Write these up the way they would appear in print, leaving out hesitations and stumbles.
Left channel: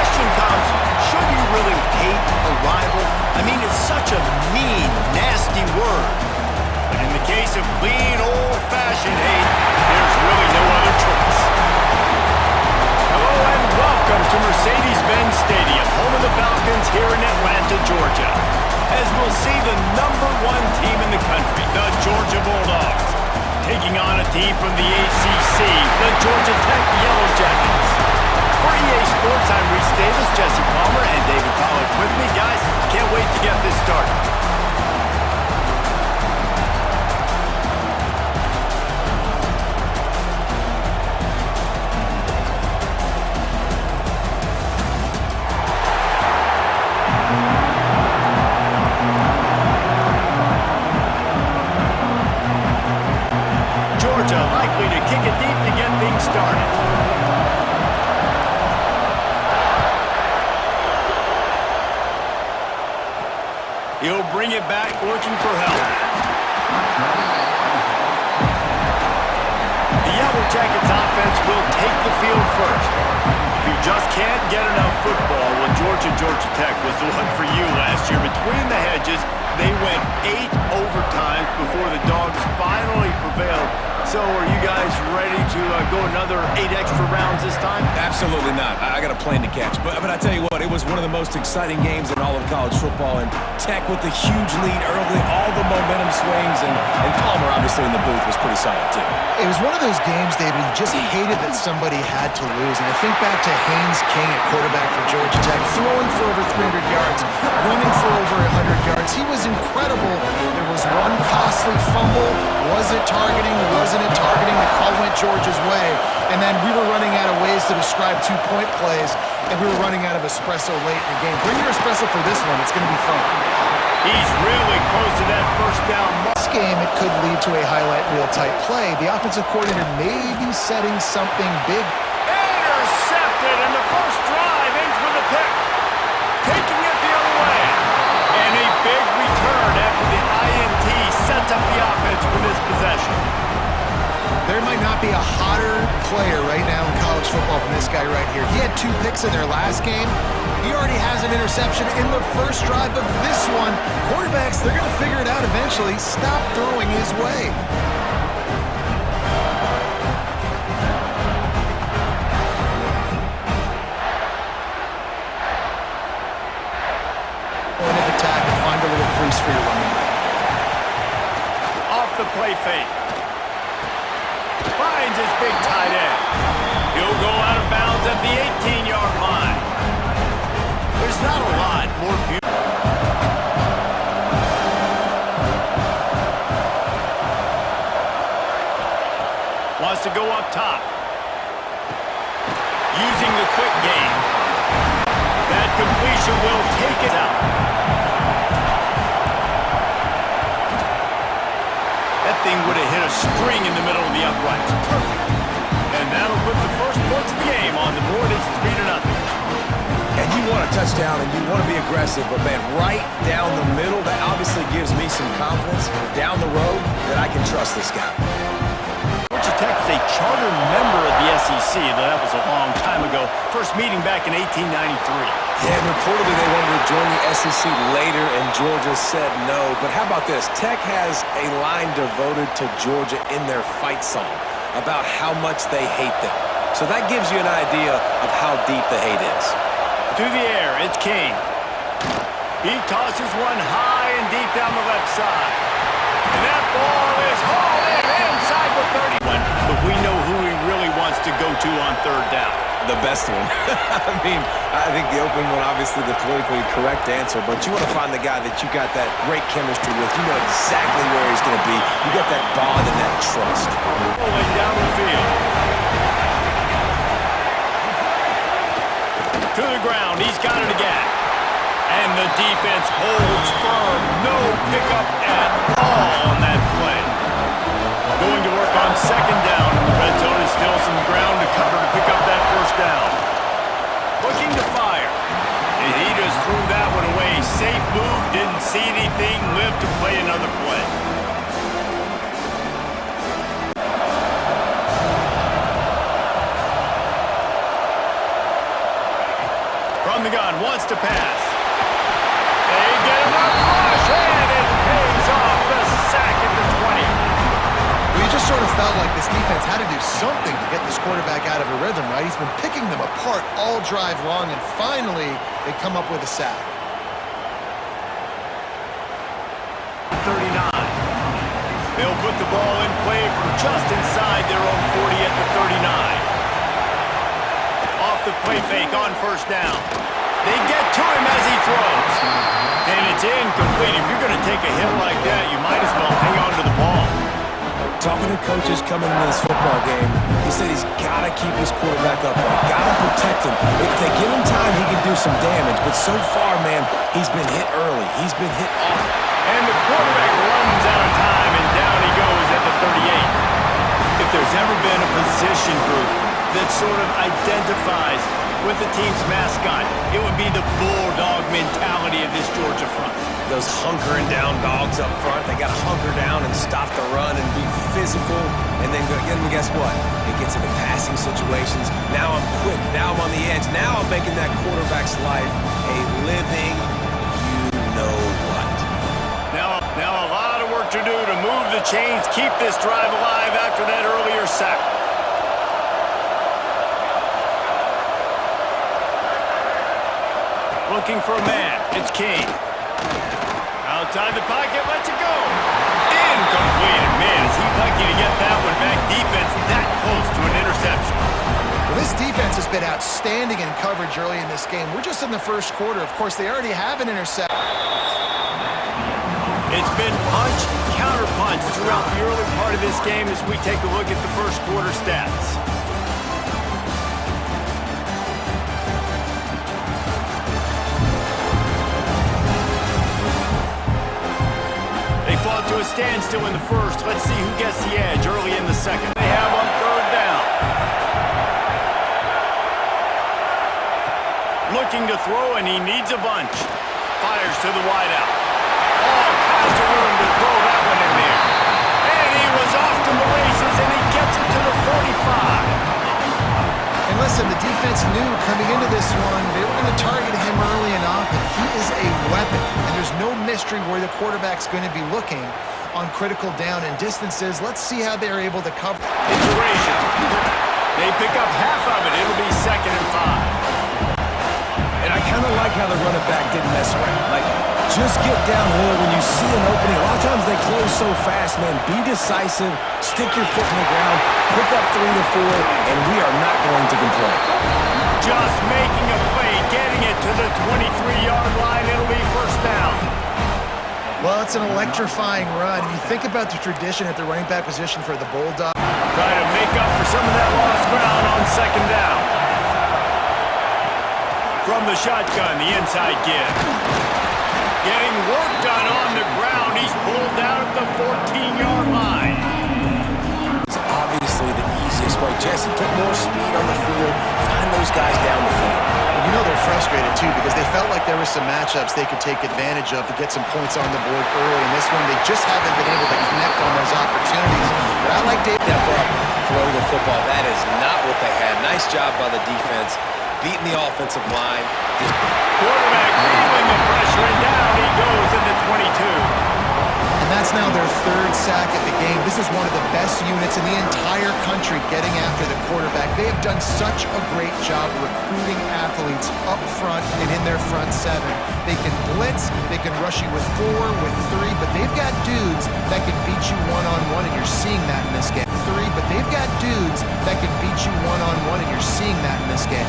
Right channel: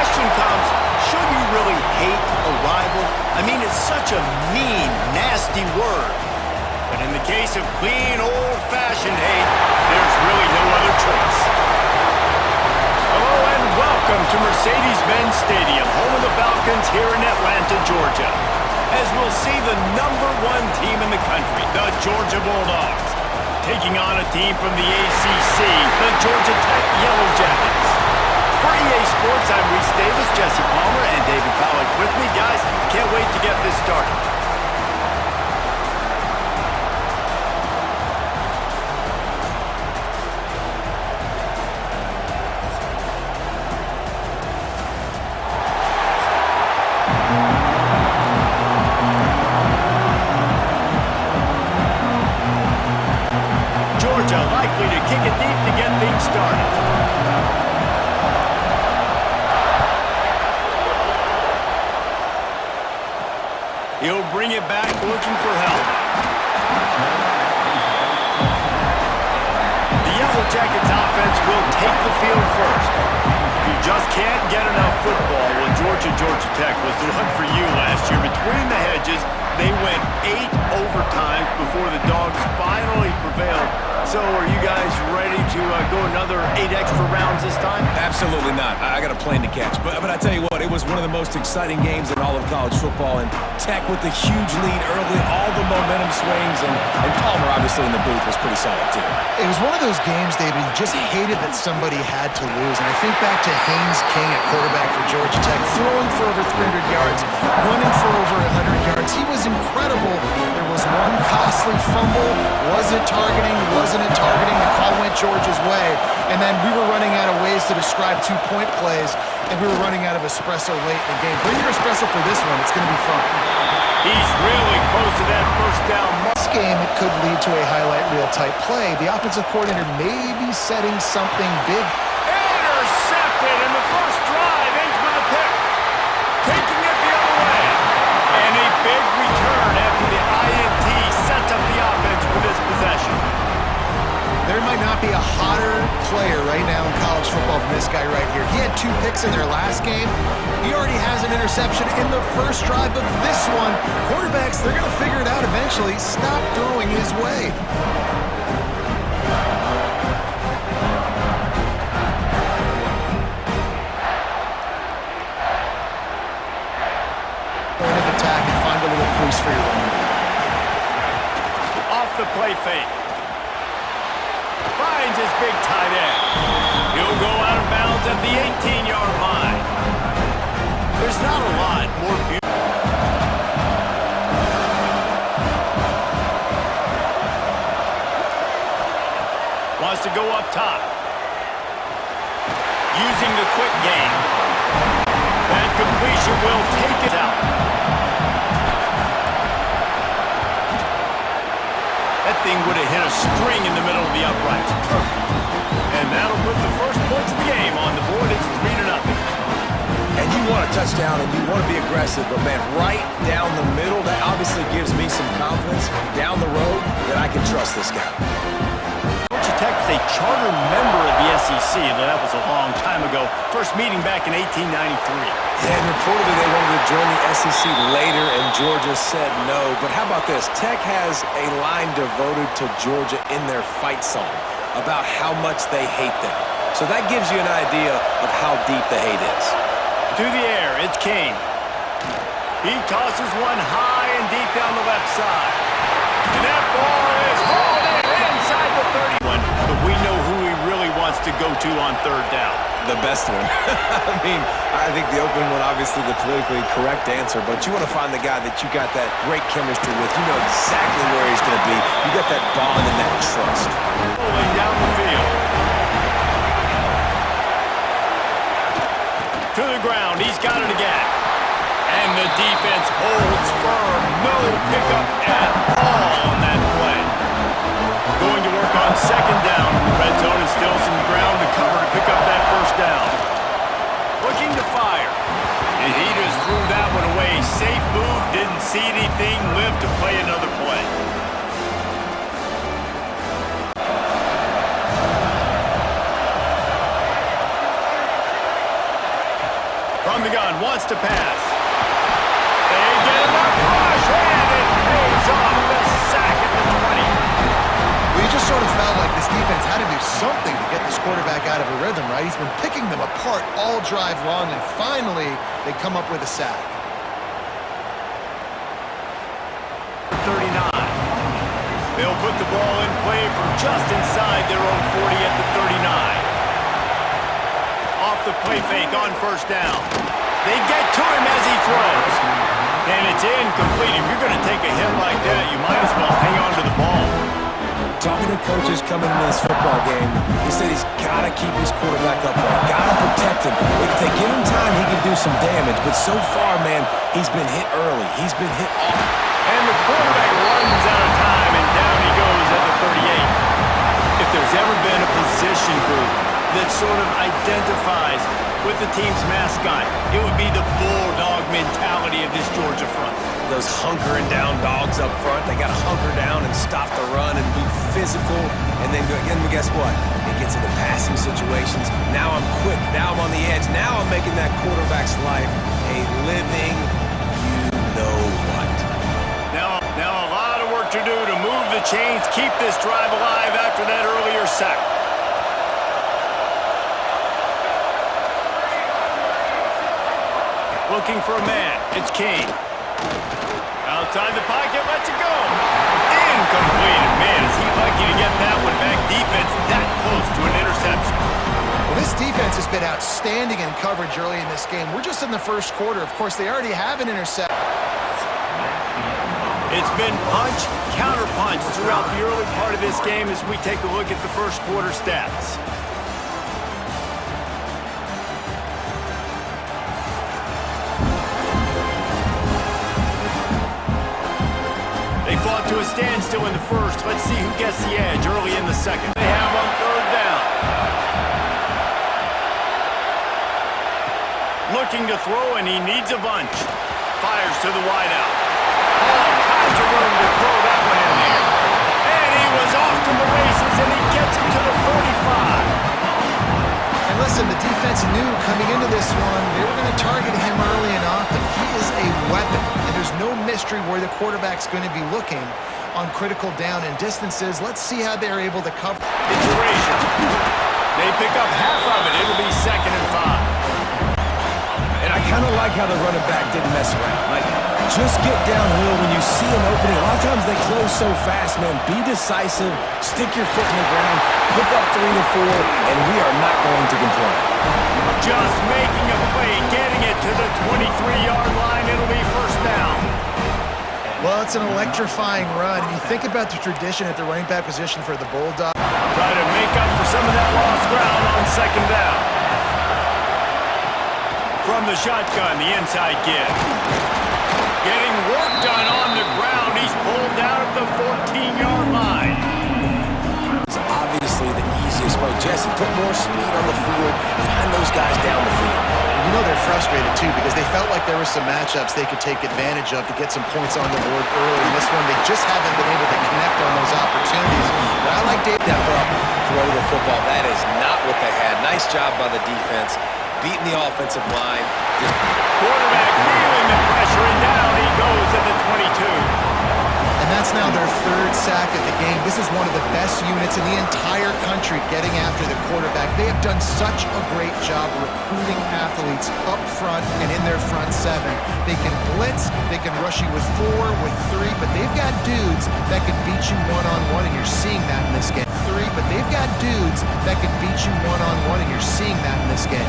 question comes, should you really hate a rival? I mean, it's such a mean, nasty word. But in the case of clean, old-fashioned hate, there's really no other choice. Hello and welcome to Mercedes-Benz Stadium, home of the Falcons here in Atlanta, Georgia. As we'll see the #1 team in the country, the Georgia Bulldogs, taking on a team from the ACC, the Georgia Tech Yellow Jackets. For EA Sports, I'm Reese Davis, Jesse Palmer, and David Pollack with me. Guys, can't wait to get this started. Georgia likely to kick it deep to get things started. He'll bring it back looking for help. The Yellow Jackets offense will take the field first. If you just can't get enough football, well, Georgia Tech was the one for you last year. Between the hedges, they went 8 overtimes before the Dogs finally prevailed. So are you guys ready to go another 8 extra rounds this time? Absolutely not. I got a plane to catch. But I tell you what, it was one of the most exciting games in all of college football. And Tech with the huge lead early, all the momentum swings, and Palmer obviously in the booth was pretty solid too. It was one of those games, David, you just hated that somebody had to lose. And I think back to Haynes King at quarterback for Georgia Tech, throwing for over 300 yards, running for over 100 yards. He was incredible. There was one costly fumble. Was it targeting? Wasn't it targeting? The call went Georgia's way. And then we were running out of ways to describe 2-point plays, and we were running out of espresso late in the game. Bring your espresso for this one. It's going to be fun. He's really close to that first down. This game, it could lead to a highlight reel type play. The offensive coordinator may be setting something big. Intercepted, and the first drive ends with a pick. Taking it the other way. And a big return after the INT sets up the offense for this possession. There might not be a hotter player right now in college football than this guy right here. He had 2 picks in their last game. He already has an interception in the first drive of this one. Quarterbacks, they're going to figure it out eventually. Stop throwing his way. Point of attack and find a little crease for your running back. Off the play fake. Finds his big tight end. He'll go out of bounds at the 18-yard line. There's not a lot more beautiful. Wants to go up top. Using the quick game. That completion will take it out. That thing would have hit a string in the middle of the uprights. Perfect. And that'll put the first points of the game on the board. It's 3-0. And you want a touchdown and you want to be aggressive, but man, right down the middle, that obviously gives me some confidence down the road that I can trust this guy. Georgia Tech is a charter member of the SEC, though that was a long time ago. First meeting back in 1893. Yeah, and reportedly they wanted to join the SEC later, and Georgia said no. But how about this? Tech has a line devoted to Georgia in their fight song about how much they hate them. So that gives you an idea of how deep the hate is. To the air, it's King. He tosses one high and deep down the left side. And that ball is hauled in inside the 31. But we know who he really wants to go to on third down. The best one. I mean, I think the open one, obviously the politically correct answer, but you want to find the guy that you got that great chemistry with. You know exactly where he's going to be. You got that bond and that trust. Rolling down the field. To the ground. He's got it again. And the defense holds firm. No pickup at all on that play. Going to work on second down in the red zone, and still some ground to cover to pick up that first down. Looking to fire. And he just threw that one away. Safe move, didn't see anything, lived to play another play. From the gun, wants to pass. They get enough rush, and it pays off. The sack at the 20. Well, you just sort of felt like this defense had to do something to get this quarterback out of a rhythm, right? He's been picking them apart all drive long, and finally they come up with a sack. 39. They'll put the ball in play from just inside their own 40 at the 39. Off the play fake on first down. They get to him as he throws. And it's incomplete. If you're going to take a hit like that, you might as well hang on to the ball. Talking to coaches coming into this football game, he said he's got to keep his quarterback upright, got to protect him. If they give him time, he can do some damage. But so far, man, he's been hit early. He's been hit off. And the quarterback runs out of time, and down he goes at the 38. If there's ever been a position group that sort of identifies with the team's mascot, it would be the bulldog mentality of this Georgia front. Those hunkering down dogs up front, they got to hunker down and stop the run and be physical. And then guess what? It gets into passing situations. Now I'm quick. Now I'm on the edge. Now I'm making that quarterback's life a living you-know-what. Now a lot of work to do to move the chains, keep this drive alive after that earlier sack. Looking for a man. It's King. Outside the pocket, lets it go. Incomplete. Man, is he lucky to get that one back. Defense that close to an interception. Well, this defense has been outstanding in coverage early in this game. We're just in the first quarter. Of course, they already have an interception. It's been punch, counter punch throughout the early part of this game as we take a look at the first quarter stats. They fought to a standstill in the first. Let's see who gets the edge early in the second. They have on third down. Looking to throw, and he needs a bunch. Fires to the wideout. All kinds of room to throw that one in there. And he was off to the races, and he gets it to the 45. And listen, the defense knew coming into this one, they were going to target him early and often. He is a weapon, and there's no mystery where the quarterback's going to be looking on critical down and distances. Let's see how they're able to cover. It's Frazier. They pick up half of it. It'll be 2nd and 5. And I kind of like how the running back didn't mess around. Like, just get downhill when you see an opening. A lot of times they close so fast, man. Be decisive, stick your foot in the ground, pick up 3 to 4, and we are not going to complain. Just making a play, getting it to the 23-yard line. It'll be first down. Well, it's an electrifying run. And you think about the tradition at the running back position for the Bulldogs. Try to make up for some of that lost ground on 2nd down. From the shotgun, the inside give. Getting work done on the ground. He's pulled down at the 14-yard line. It's obviously the easiest way. Jesse, put more speed on the field. Find those guys down the field. You know they're frustrated, too, because they felt like there were some matchups they could take advantage of to get some points on the board early. In this one, they just haven't been able to connect on those opportunities. But I like Dave. Step up, throw the football. That is not what they had. Nice job by the defense. Beating the offensive line. Quarterback feeling the pressure, and down he goes at the 22. And that's now their 3rd sack of the game. This is one of the best units in the entire country getting after the quarterback. They have done such a great job recruiting athletes up front and in their front 7. They can blitz, they can rush you with 4, with 3, but they've got dudes that can beat you one-on-one, and you're seeing that in this game. 3, but they've got dudes that can beat you one-on-one, and you're seeing that in this game.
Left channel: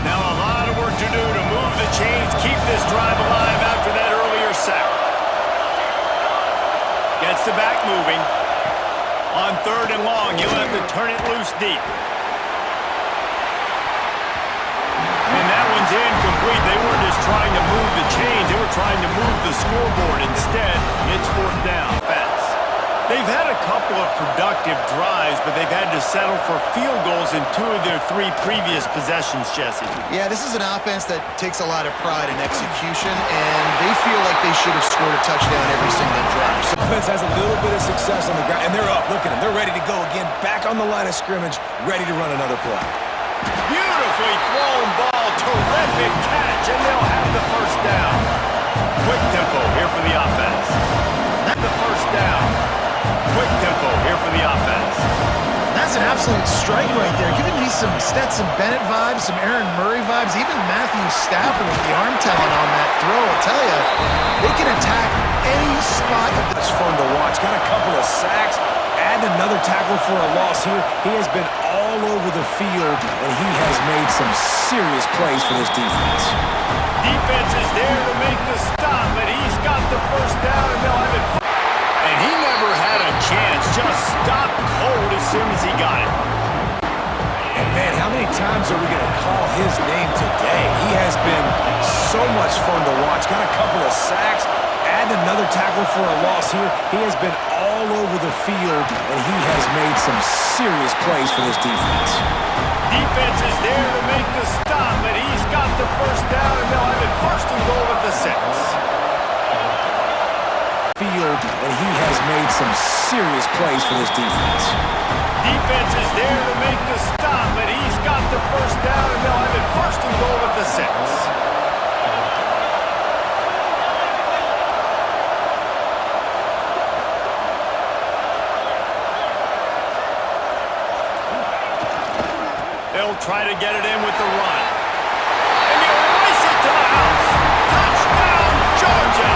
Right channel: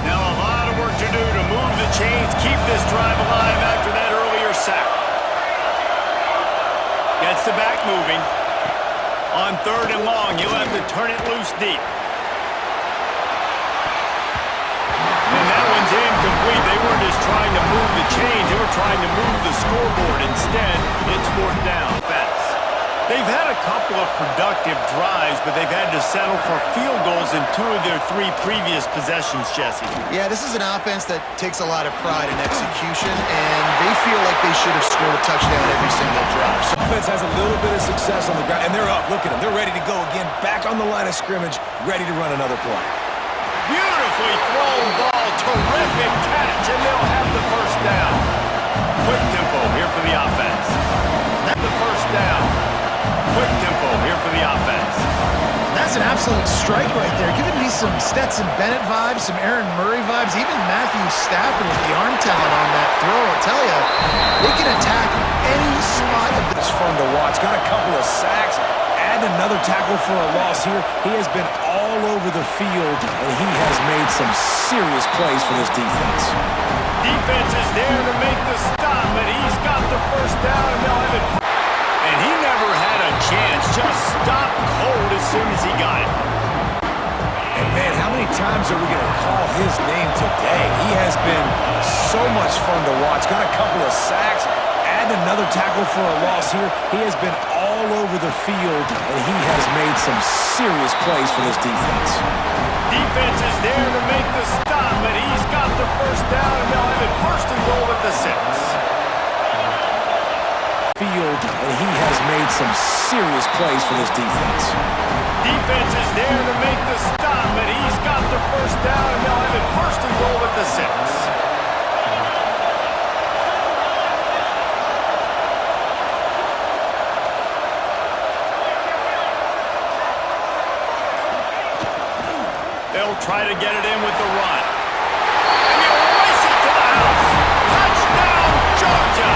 Now a lot of work to do to move the chains, keep this drive alive after that earlier sack. Gets the back moving. On 3rd and long, you'll have to turn it loose deep. And that one's incomplete. They weren't just trying to move the chains, they were trying to move the scoreboard. Instead, it's 4th down. Offense. They've had a couple of productive drives, but they've had to settle for field goals in 2 of their 3 previous possessions, Jesse. Yeah, this is an offense that takes a lot of pride in execution, and they feel like they should have scored a touchdown every single drive. So offense has a little bit of success on the ground, and they're up. Look at them. They're ready to go again, back on the line of scrimmage, ready to run another play. Beautifully thrown ball. Terrific catch, and they'll have the first down. Quick tempo here for the offense. That's the first down. Quick tempo here for the offense. That's an absolute strike right there. Giving me some Stetson Bennett vibes, some Aaron Murray vibes, even Matthew Stafford with the arm talent on that throw. I'll tell you, they can attack any spot. It's fun to watch. Got a couple of sacks. Add another tackle for a loss here. He has been all over the field, and he has made some serious plays for this defense. Defense is there to make the stop, but he's got the first down, and they'll have it. And he never had a chance. Just stopped cold as soon as he got it. And, man, how many times are we going to call his name today? He has been so much fun to watch. Got a couple of sacks. Add another tackle for a loss here. He has been all over the field, and he has made some serious plays for this defense. Defense is there to make the stop, but he's got the first down, and they'll have it first and goal at the 6. Field, and he has made some serious plays for this defense. Defense is there to make the stop, but he's got the first down, and they'll have it first and goal at the 6. They'll try to get it in with the run. And he'll race it to the house. Touchdown, Georgia!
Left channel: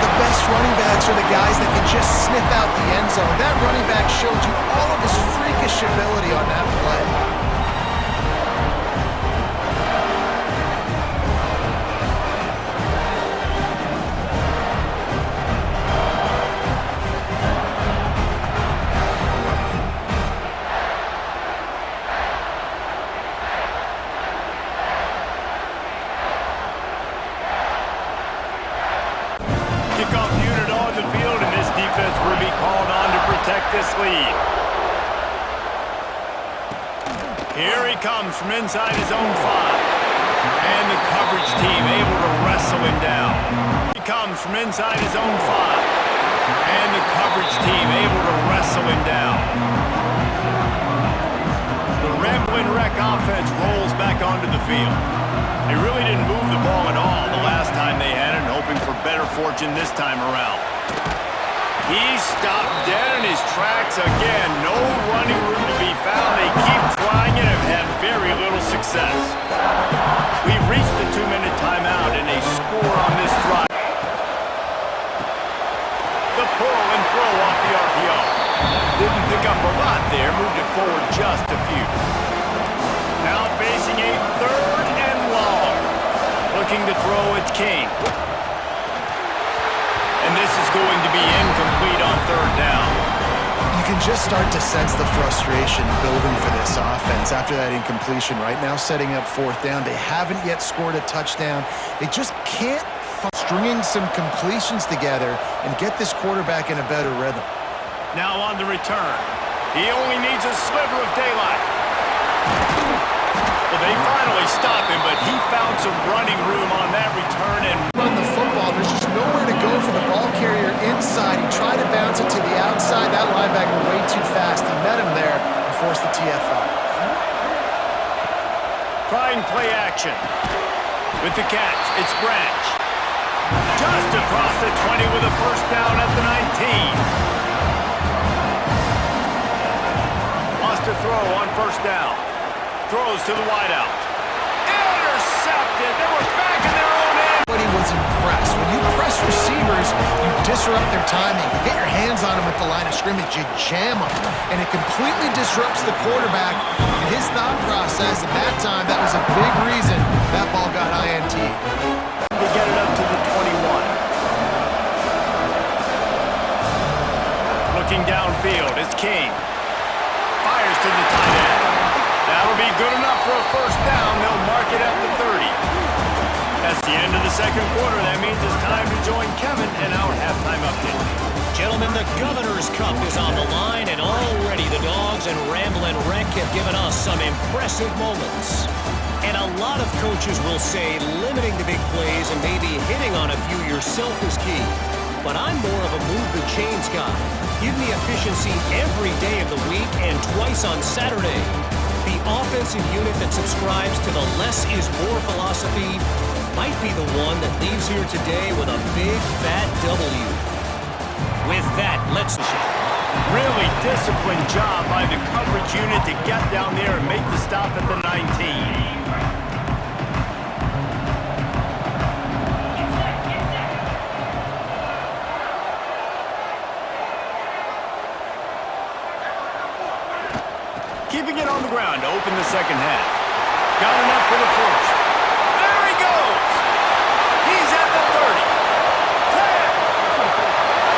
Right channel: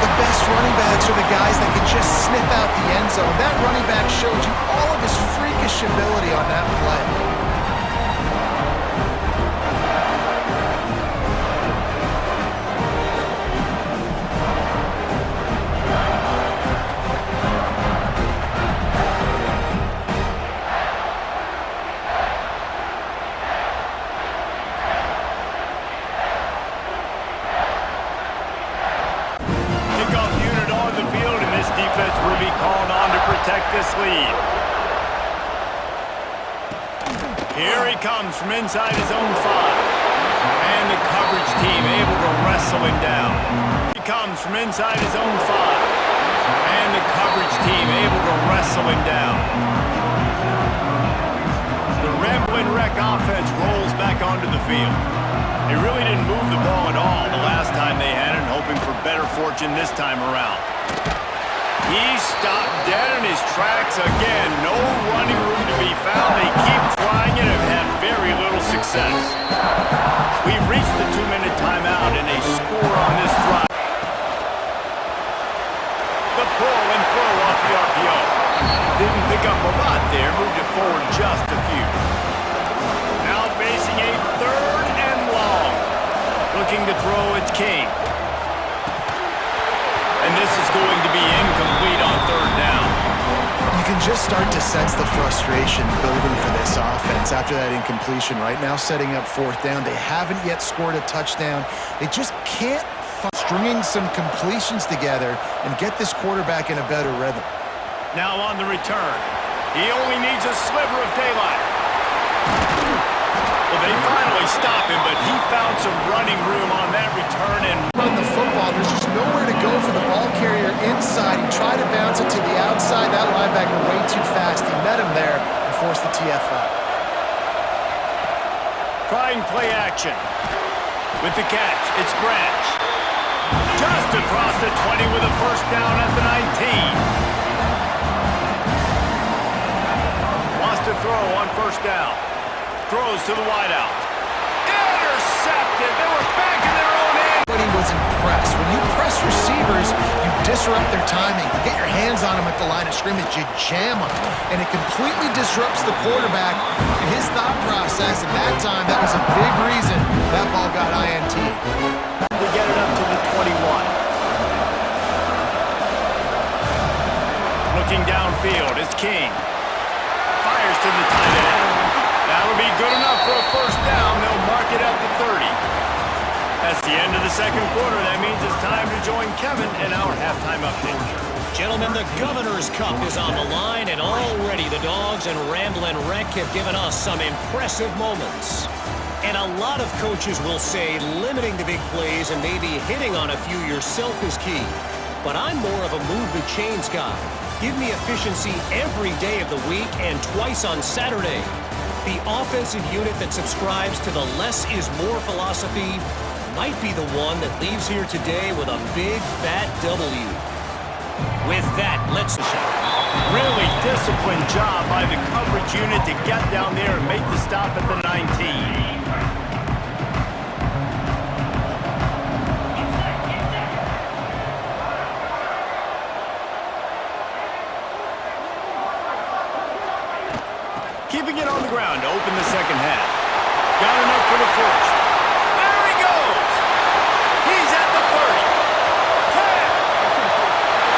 The best running backs are the guys that can just sniff out the end zone. That running back showed you all of his freakish ability on that play. Kickoff unit on the field, and this defense will be called on to protect this lead. Here he comes from inside his own 5. And the coverage team able to wrestle him down. He comes from inside his own 5. And the coverage team able to wrestle him down. The Ramblin' Wreck offense rolls back onto the field. They really didn't move the ball at all the last time they had it, hoping for better fortune this time around. He stopped dead in his tracks again. No running room to be found. They keep trying and have had very little success. We've reached the 2-minute timeout and a score on this drive. The pull and throw off the RPO. Didn't pick up a lot there, moved it forward just a few. Now facing a 3rd and long. Looking to throw, it's King. And this is going to be incomplete on 3rd down. You can just start to sense the frustration building for this offense after that incompletion. Right now setting up 4th down. They haven't yet scored a touchdown. They just can't stringing some completions together and get this quarterback in a better rhythm. Now on the return. He only needs a sliver of daylight. Well, they finally stop him, but he found some running room on that return and run the football. There's just nowhere to go for the ball carrier inside. He tried to bounce it to the outside. That linebacker way too fast. He met him there and forced the TFL. Trying play action. With the catch, it's Branch. Just across the 20 with a first down at the 19. Wants to throw on 1st down. Throws to the wideout. Intercepted. They were back in their own end. But he was impressed. When you press receivers, you disrupt their timing. You get your hands on them at the line of scrimmage. You jam them. And it completely disrupts the quarterback and his thought process. And that time, that was a big reason that ball got INT. To get it up to the 21. Looking downfield, it's King. Fires to the tight end. That'll be good enough for a first down. They'll mark it at the 30. That's the end of the 2nd quarter. That means it's time to join Kevin in our halftime update. Gentlemen, the Governor's Cup is on the line, and already the Dogs and Ramblin' Wreck have given us some impressive moments. And a lot of coaches will say limiting the big plays and maybe hitting on a few yourself is key. But I'm more of a move the chains guy. Give me efficiency every day of the week and twice on Saturday. The offensive unit that subscribes to the less is more philosophy might be the one that leaves here today with a big, fat W. With that, let's... Really disciplined job by the coverage unit to get down there and make the stop at the 19. Keeping it on the ground to open the second half. Got enough for the first. There he goes! He's at the 30. 10.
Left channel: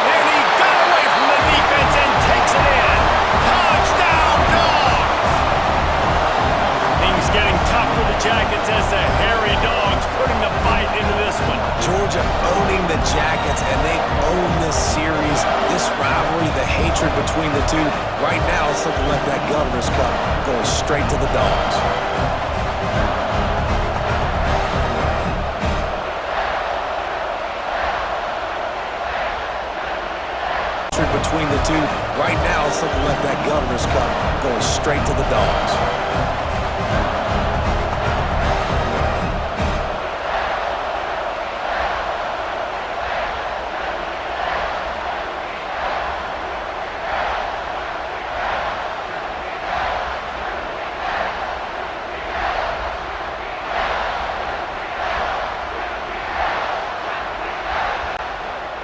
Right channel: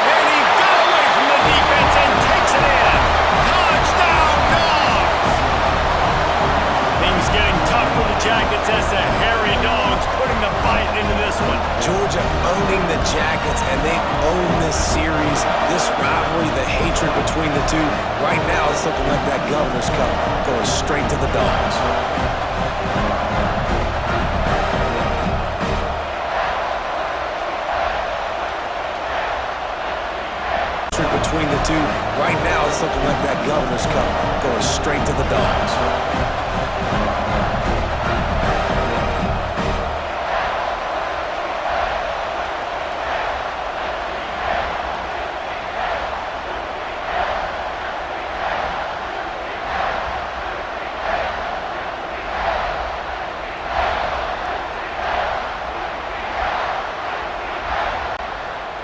And he got away from the defense and takes it in. Touchdown, Dogs! Things getting tough for the Jackets as the hairy Dogs putting the bite into this one. Georgia owning the Jackets, and they've owned this series, this rivalry, the hatred between the two. Right now, it's looking like that Governor's Cup going straight to the Dogs. Between the two, right now, it's looking like that Governor's Cup going straight to the Dogs.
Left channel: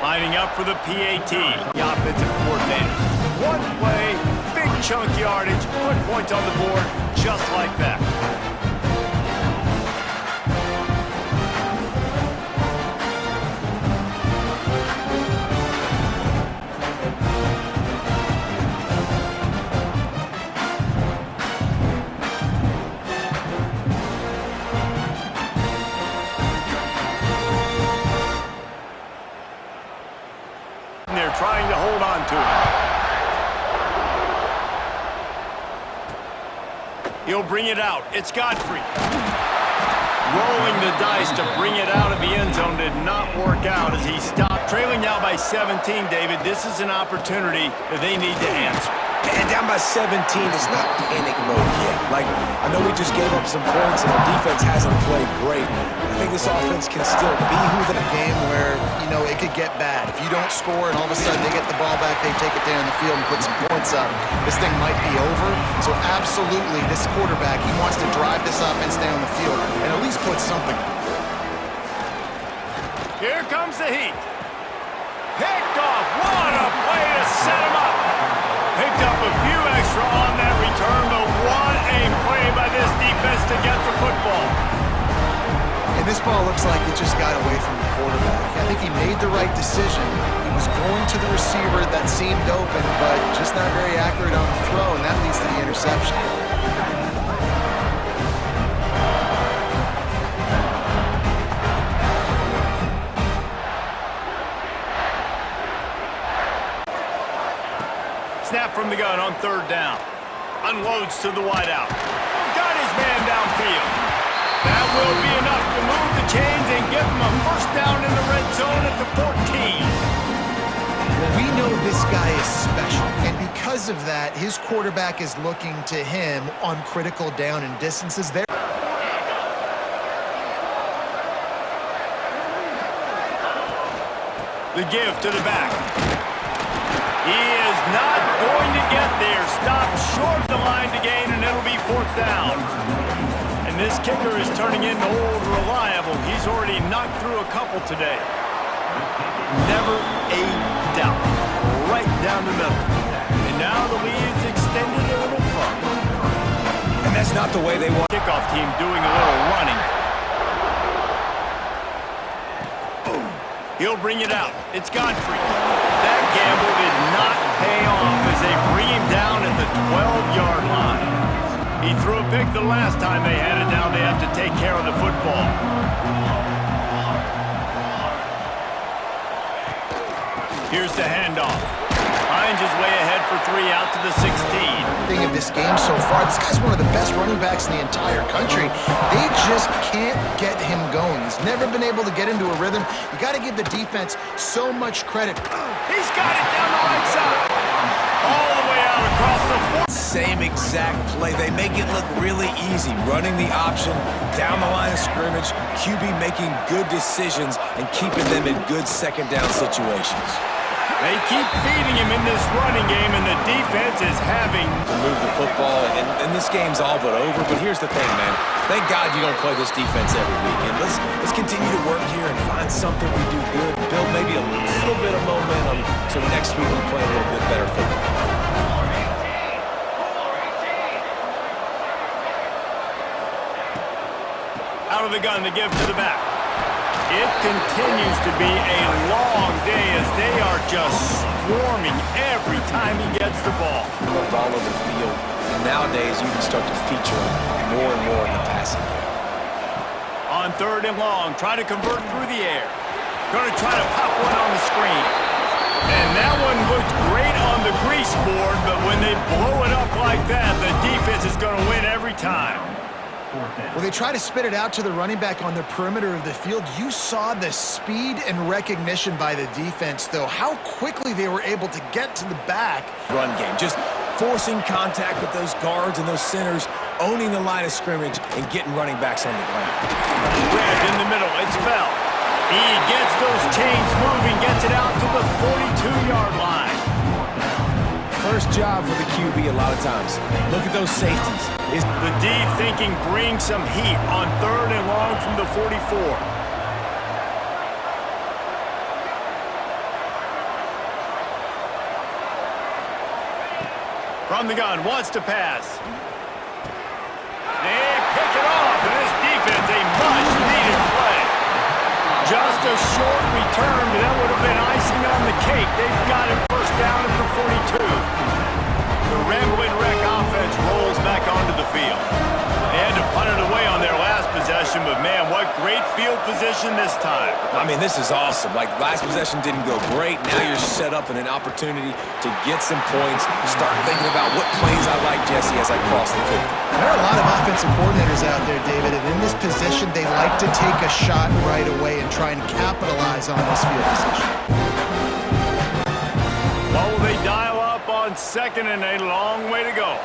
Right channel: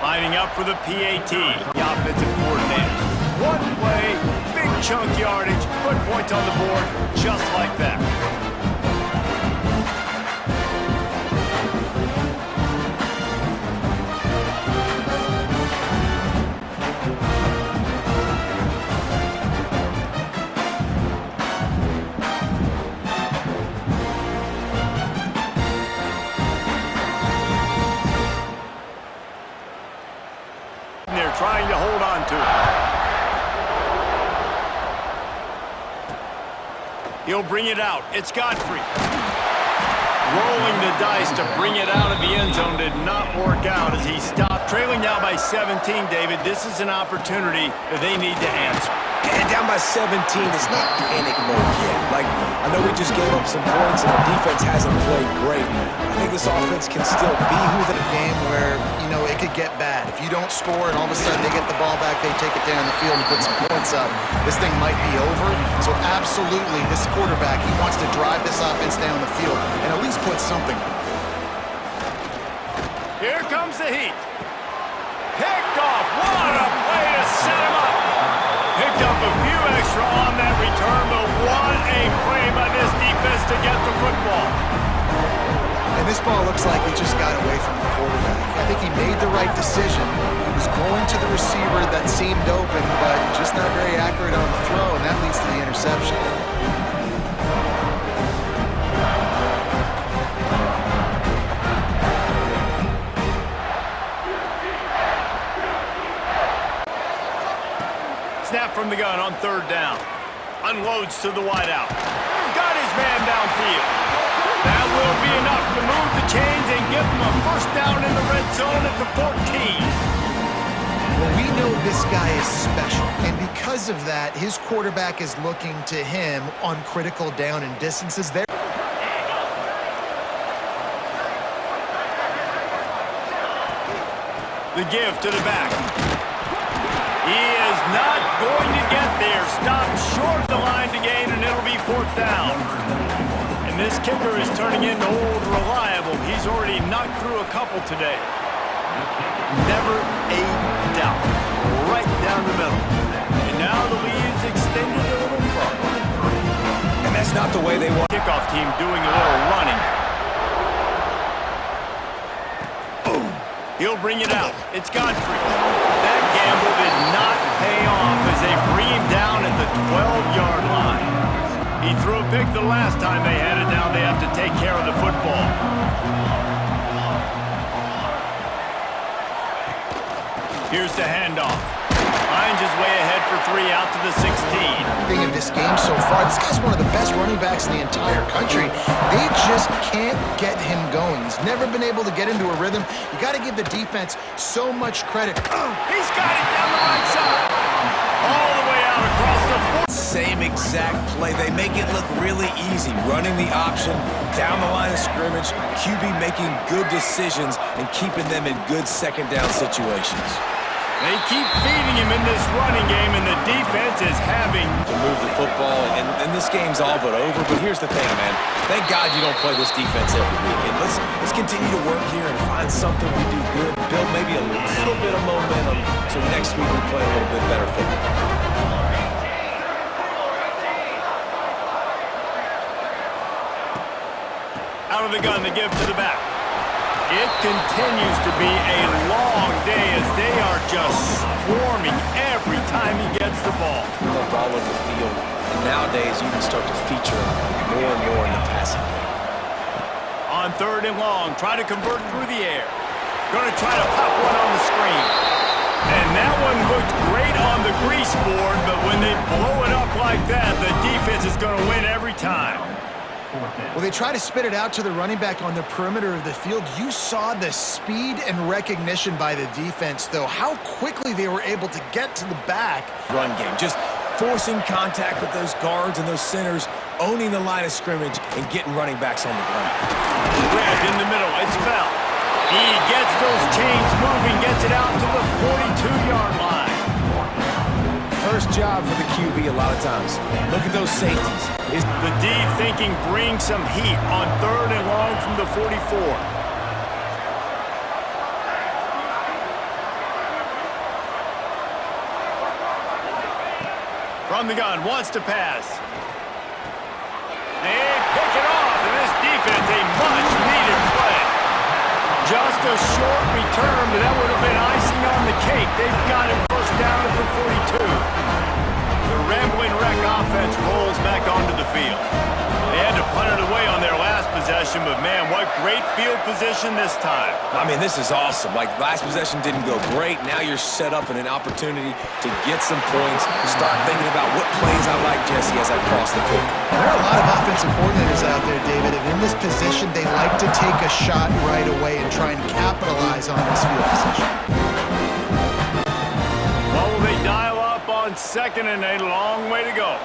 Lining up for the PAT, the offensive coordinators. One play, big chunk yardage, put points on the board, just like that. They're trying to hold on to it. He'll bring it out. It's Godfrey. Rolling the dice to bring it out of the end zone did not work out as he stopped. Trailing now by 17, David. This is an opportunity that they need to answer. And down by 17, it's not panic mode yet. Like, I know we just gave up some points and our defense hasn't played great. I think this offense can still be who the game where, you know, it could get bad. If you don't score and all of a sudden they get the ball back, they take it down the field and put some points up, this thing might be over. So absolutely, this quarterback, he wants to drive this offense down the field and at least put something. Here comes the heat. Picked off. What a play to set him up. Picked up a few extra on that return, but what a play by this defense to get the football. And this ball looks like it just got away from the quarterback. I think he made the right decision. He was going to the receiver that seemed open, but just not very accurate on the throw, and that leads to the interception. Snap from the gun on third down. Unloads to the wideout. Got his man downfield. That will be enough to move the chains and give them a first down in the red zone at the 14. Well, we know this guy is special, and because of that, his quarterback is looking to him on critical down and distances there. The give to the back. He is not going to get there. Stopped short of the line to gain, and it'll be fourth down. And this kicker is turning into old reliable. He's already knocked through a couple today. Never a doubt. Right down the middle. And now the lead's extended a little further. And that's not the way they want. Kickoff team doing a little running. He'll bring it out. It's Godfrey. That gamble did not pay off as they bring him down at the 12-yard line. He threw a pick the last time they had it. Now they have to take care of the football. Here's the handoff. Hines is way ahead for 3 out to the 16. Thing of this game so far, this guy's one of the best running backs in the entire country. They just can't get him going. He's never been able to get into a rhythm. You got to give the defense so much credit. He's got it down the right side. All the way out across the 4. same exact play. They make it look really easy, running the option down the line of scrimmage, QB making good decisions and keeping them in good second down situations. They keep feeding him in this running game, and the defense is having to move the football, and this game's all but over. But here's the thing, man. Thank God you don't play this defense every week. And let's continue to work here and find something we do good, build maybe a little bit of momentum so next week we play a little bit better football. Out of the gun to give to the back. It continues to be a long day as they are just swarming every time he gets the ball. Moved all over the field, and nowadays you can start to feature them more and more in the passing game. On 3rd and long, try to convert through the air. Going to try to pop one on the screen. And that one looked great on the grease board, but when they blow it up like that, the defense is going to win every time. Well, they try to spit it out to the running back on the perimeter of the field. You saw the speed and recognition by the defense, though, how quickly they were able to get to the back. Run game, just forcing contact with those guards and those centers, owning the line of scrimmage, and getting running backs on the ground. Grabbed in the middle, it's Bell. He gets those chains moving, gets it out to the 42-yard line. First job for the QB a lot of times. Look at those safeties. The D thinking bring some heat on 3rd and long from the 44. From the gun, wants to pass. They pick it off, and this defense, a much-needed play. Just a short return, but that would have been icing on the cake. They've got it first down at the 42. The Rambling Wreck offense rolls back onto the field. They had to punt it away on their last possession, but man, what great field position this time. I mean, this is awesome. Like, last possession didn't go great. Now you're set up in an opportunity to get some points, start thinking about what plays I like, Jesse, as I cross the 50. There are a lot of offensive coordinators out there, David, and in this position, they like to take a shot right away and try and capitalize on this field position. What will they dial up on 2nd and a long way to go?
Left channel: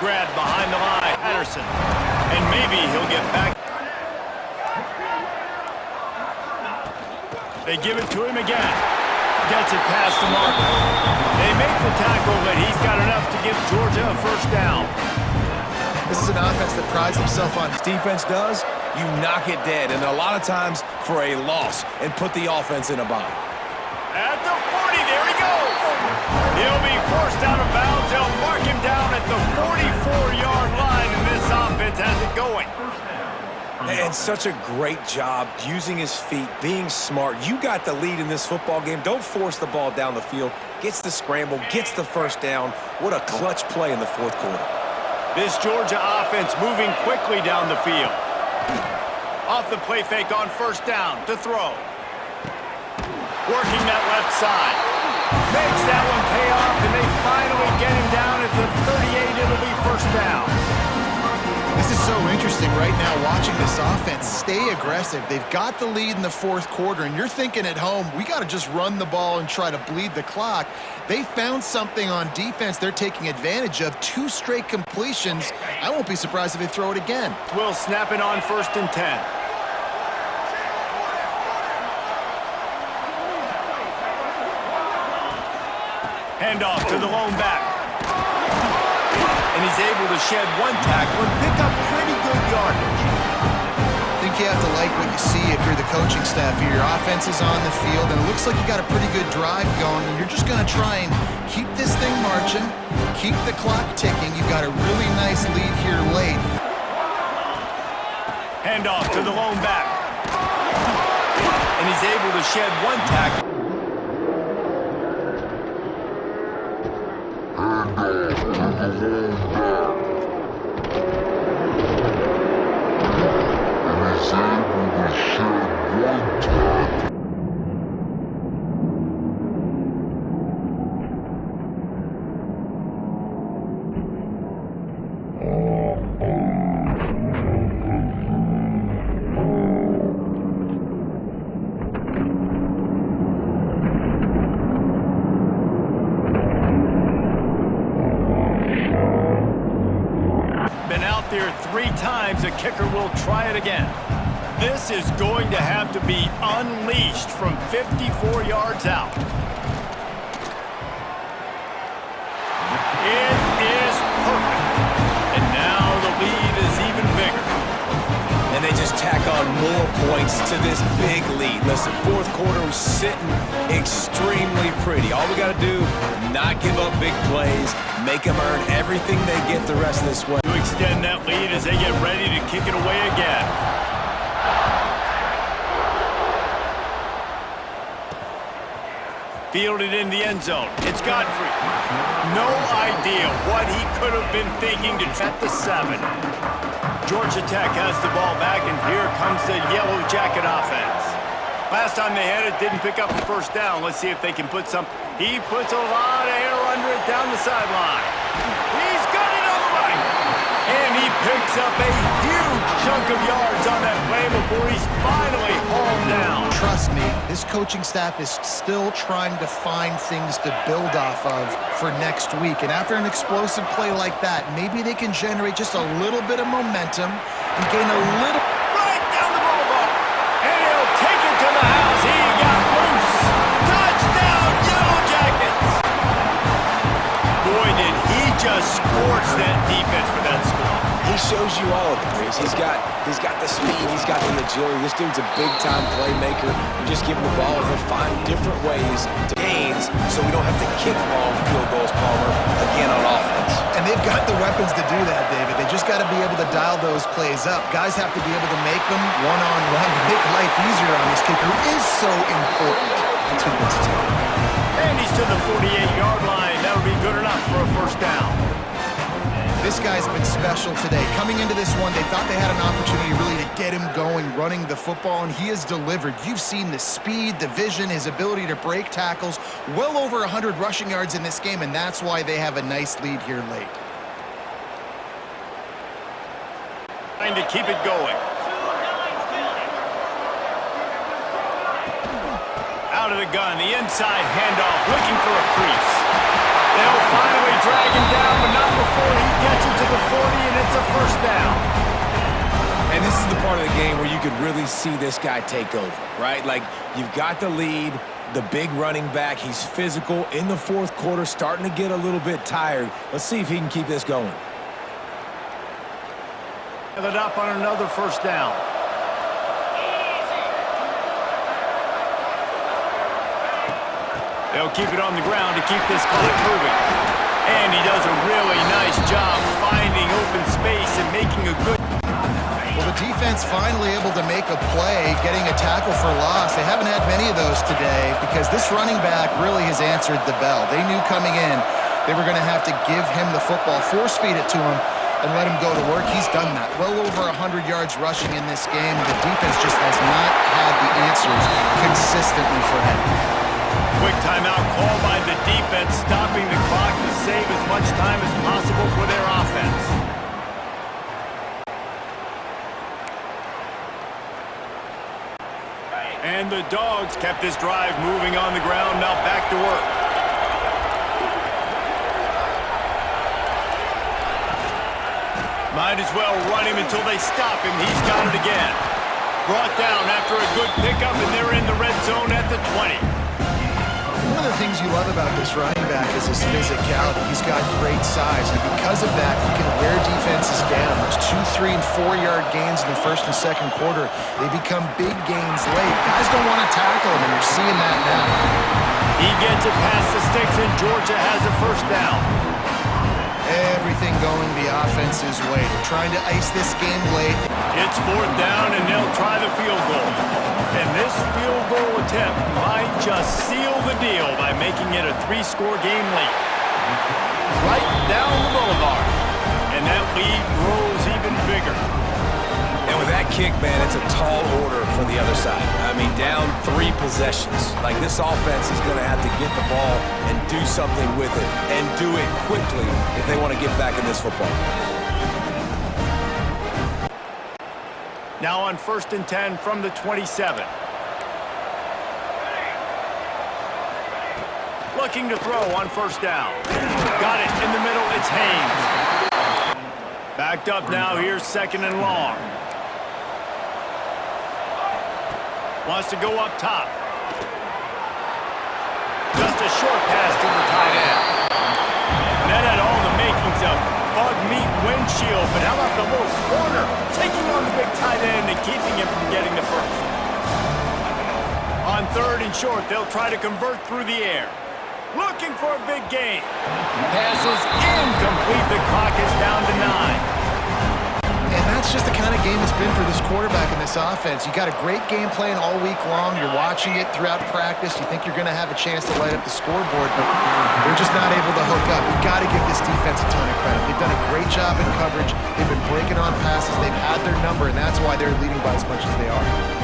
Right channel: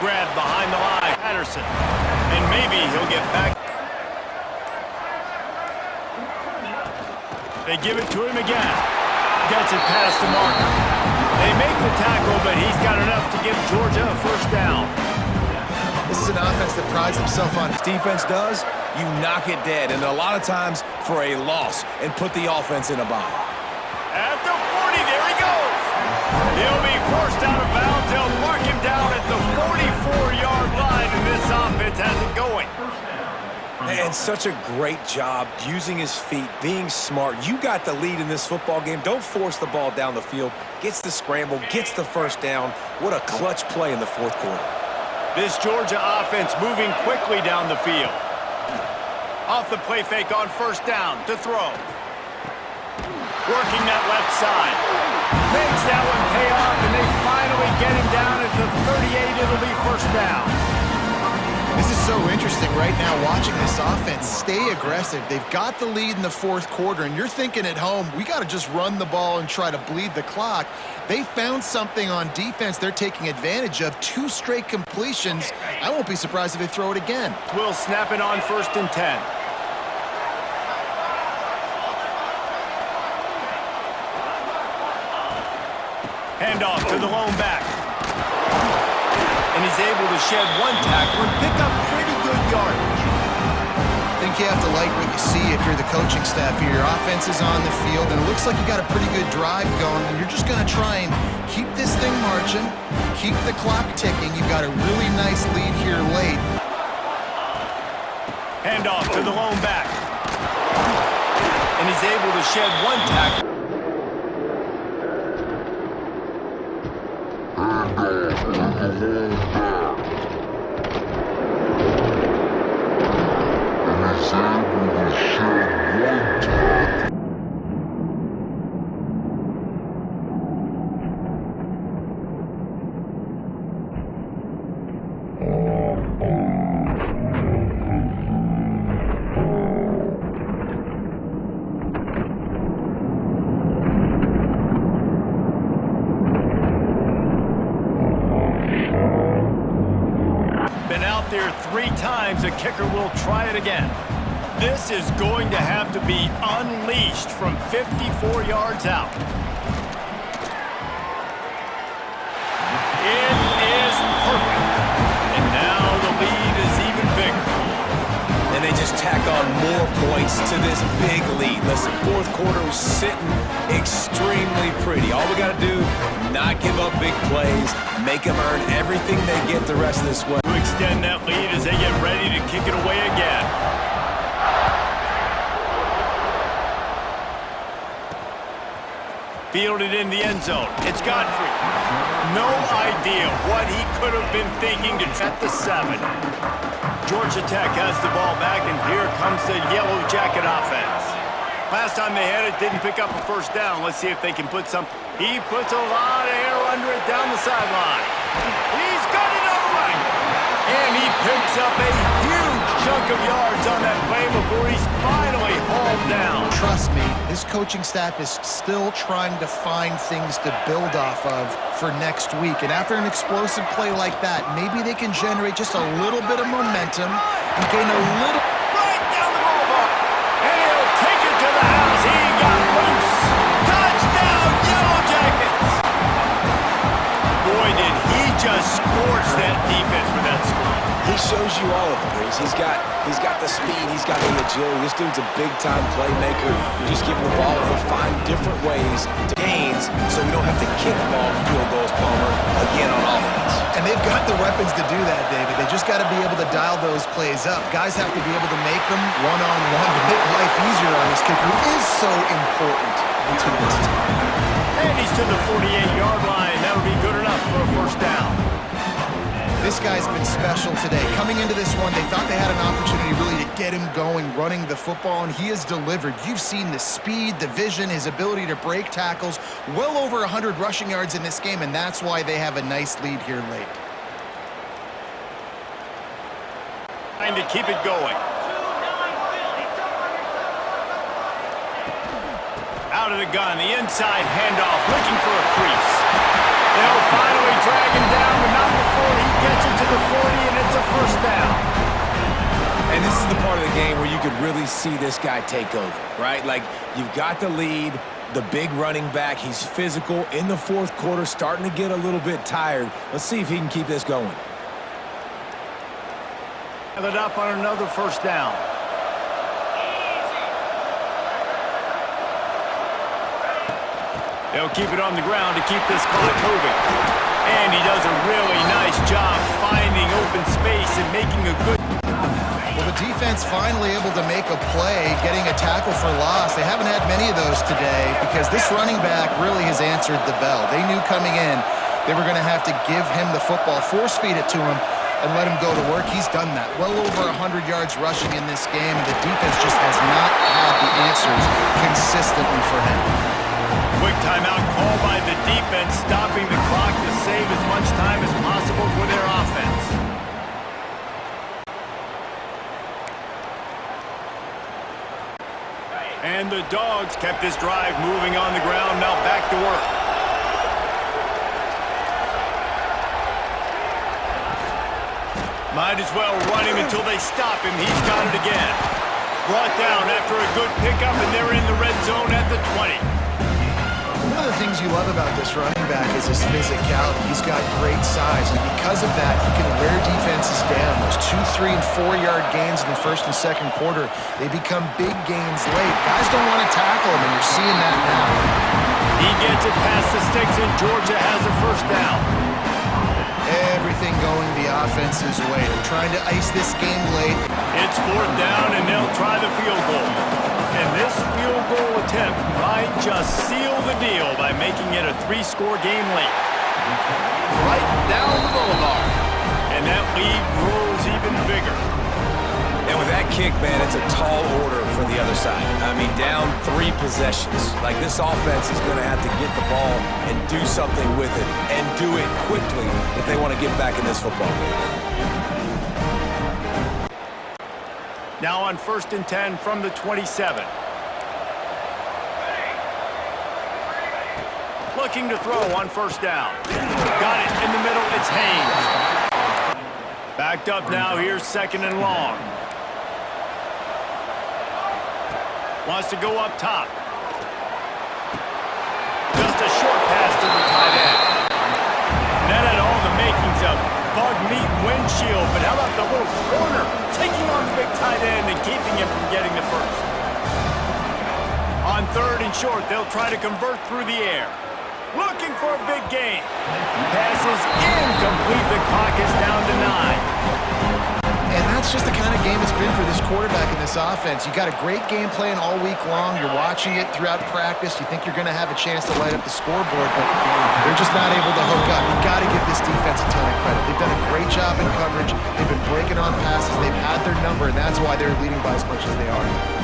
Grab behind the line, Patterson. And maybe he'll get back. They give it to him again. Gets it past the marker. They make the tackle, but he's got enough to give Georgia a first down. This is an offense that prides himself on. Defense does, you knock it dead, and a lot of times for a loss, and put the offense in a bind. At the 40, there he goes. He'll be forced out of bounds. They'll mark him down at the 44-yard line, and this offense has it going. And such a great job using his feet, being smart. You got the lead in this football game. Don't force the ball down the field. Gets the scramble, gets the first down. What a clutch play in the 4th quarter. This Georgia offense moving quickly down the field. Off the play fake on first down to throw. Working that left side. Makes that one pay off, and they finally get him down at the 38. It'll be first down. This is so interesting right now, watching this offense stay aggressive. They've got the lead in the 4th quarter, and you're thinking at home, we got to just run the ball and try to bleed the clock. They found something on defense they're taking advantage of. 2 straight completions. I won't be surprised if they throw it again. Will snap it on 1st and 10. Handoff to the lone back. And he's able to shed one tackle and pick up pretty good yardage. I think you have to like what you see if you're the coaching staff here. Your offense is on the field, and it looks like you got a pretty good drive going, and you're just going to try and keep this thing marching, keep the clock ticking. You've got a really nice lead here late. Handoff to the lone back. And he's able to shed one tackle. got there 3 times, the kicker will try it again. This is going to have to be unleashed from 54 yards out. It is perfect. And now the lead is even bigger. And they just tack on more points to this big lead. Listen, fourth quarter was sitting extremely pretty. All we got to do, not give up big plays, make them earn everything they get the rest of this way. To extend that lead as they get ready to kick it away again. Fielded in the end zone. It's Godfrey. No idea what he could have been thinking to at the 7. Georgia Tech has the ball back, and here comes the Yellow Jacket offense. Last time they had it, didn't pick up a first down. Let's see if they can put some. He puts a lot of air under it down the sideline. He's got it on the right. And he picks up a huge chunk of yards on that play before he's finally hauled down. Trust me, his coaching staff is still trying to find things to build off of for next week. And after an explosive play like that, maybe they can generate just a little bit of momentum and gain a little... Right down the boulevard. And he'll take it to the house. He got loose. Touchdown, Yellow Jackets. Boy, did he just scorch that defense for that score. He shows you all of it, Breeze. He's got the speed, he's got the agility. This dude's a big-time playmaker. You just give him the ball, he'll find different ways to gains so we don't have to kick long field goals, Palmer, again on offense. And they've got the weapons to do that, David. They just got to be able to dial those plays up. Guys have to be able to make them one-on-one to make life easier on this kicker, who is so important to this team. And he's to the 48-yard line. That'll be good enough for a first down. This guy's been special today. Coming into this one, they thought they had an opportunity really to get him going, running the football, and he has delivered. You've seen the speed, the vision, his ability to break tackles, well over 100 rushing yards in this game, and that's why they have a nice lead here late. Trying to keep it going. Out of the gun, the inside handoff, looking for a crease. They'll finally drag him down, but not before he gets it to the 40, and it's a first down. And this is the part of the game where you could really see this guy take over, right? Like, you've got the lead, the big running back. He's physical in the fourth quarter, starting to get a little bit tired. Let's see if he can keep this going. Have it up on another first down. They'll keep it on the ground to keep this clock moving. And he does a really nice job finding open space and making a good... Well, the defense finally able to make a play, getting a tackle for loss. They haven't had many of those today because this running back really has answered the bell. They knew coming in they were going to have to give him the football, force feed it to him, and let him go to work. He's done that. Well over 100 yards rushing in this game. The defense just has not had the answers consistently for him. Quick timeout call by the defense, stopping the clock to save as much time as possible for their offense. And the Dogs kept this drive moving on the ground, now back to work. Might as well run him until they stop him. He's got it again. Brought down after a good pickup, and they're in the red zone at the 20. One of the things you love about this running back is his physicality. He's got great size, and because of that, he can wear defenses down. Those 2, 3, and 4-yard gains in the first and second quarter, they become big gains late. Guys don't want to tackle him, and you're seeing that now. He gets it past the sticks, and Georgia has a first down. Everything going the offense's way. They're trying to ice this game late. It's fourth down, and they'll try the field goal. And this field goal attempt might just seal the deal by making it a 3-score game late. Right down the boulevard. And that lead grows even bigger. And with that kick, man, it's a tall order for the other side. I mean, down 3 possessions. Like, this offense is going to have to get the ball and do something with it, and do it quickly if they want to get back in this football game. Now on 1st and 10 from the 27. Looking to throw on first down. Got it in the middle. It's Haynes. Back Backed up now, here's 2nd and long. Wants to go up top. Just a short pass to the tight end. And that had all the makings of bug meat windshield, but how about the little corner taking on the big tight end and keeping him from getting the first? On 3rd and short, they'll try to convert through the air. Looking for a big gain. Pass is incomplete. The clock is down to 9. And that's just the kind of game it's been for this quarterback in this offense. You got a great game plan all week long. You're watching it throughout practice. You think you're going to have a chance to light up the scoreboard, but they're just not able to hook up. You got to give this defense a ton of credit. They've done a great job in coverage. They've been breaking on passes. They've had their number, and that's why they're leading by as much as they are.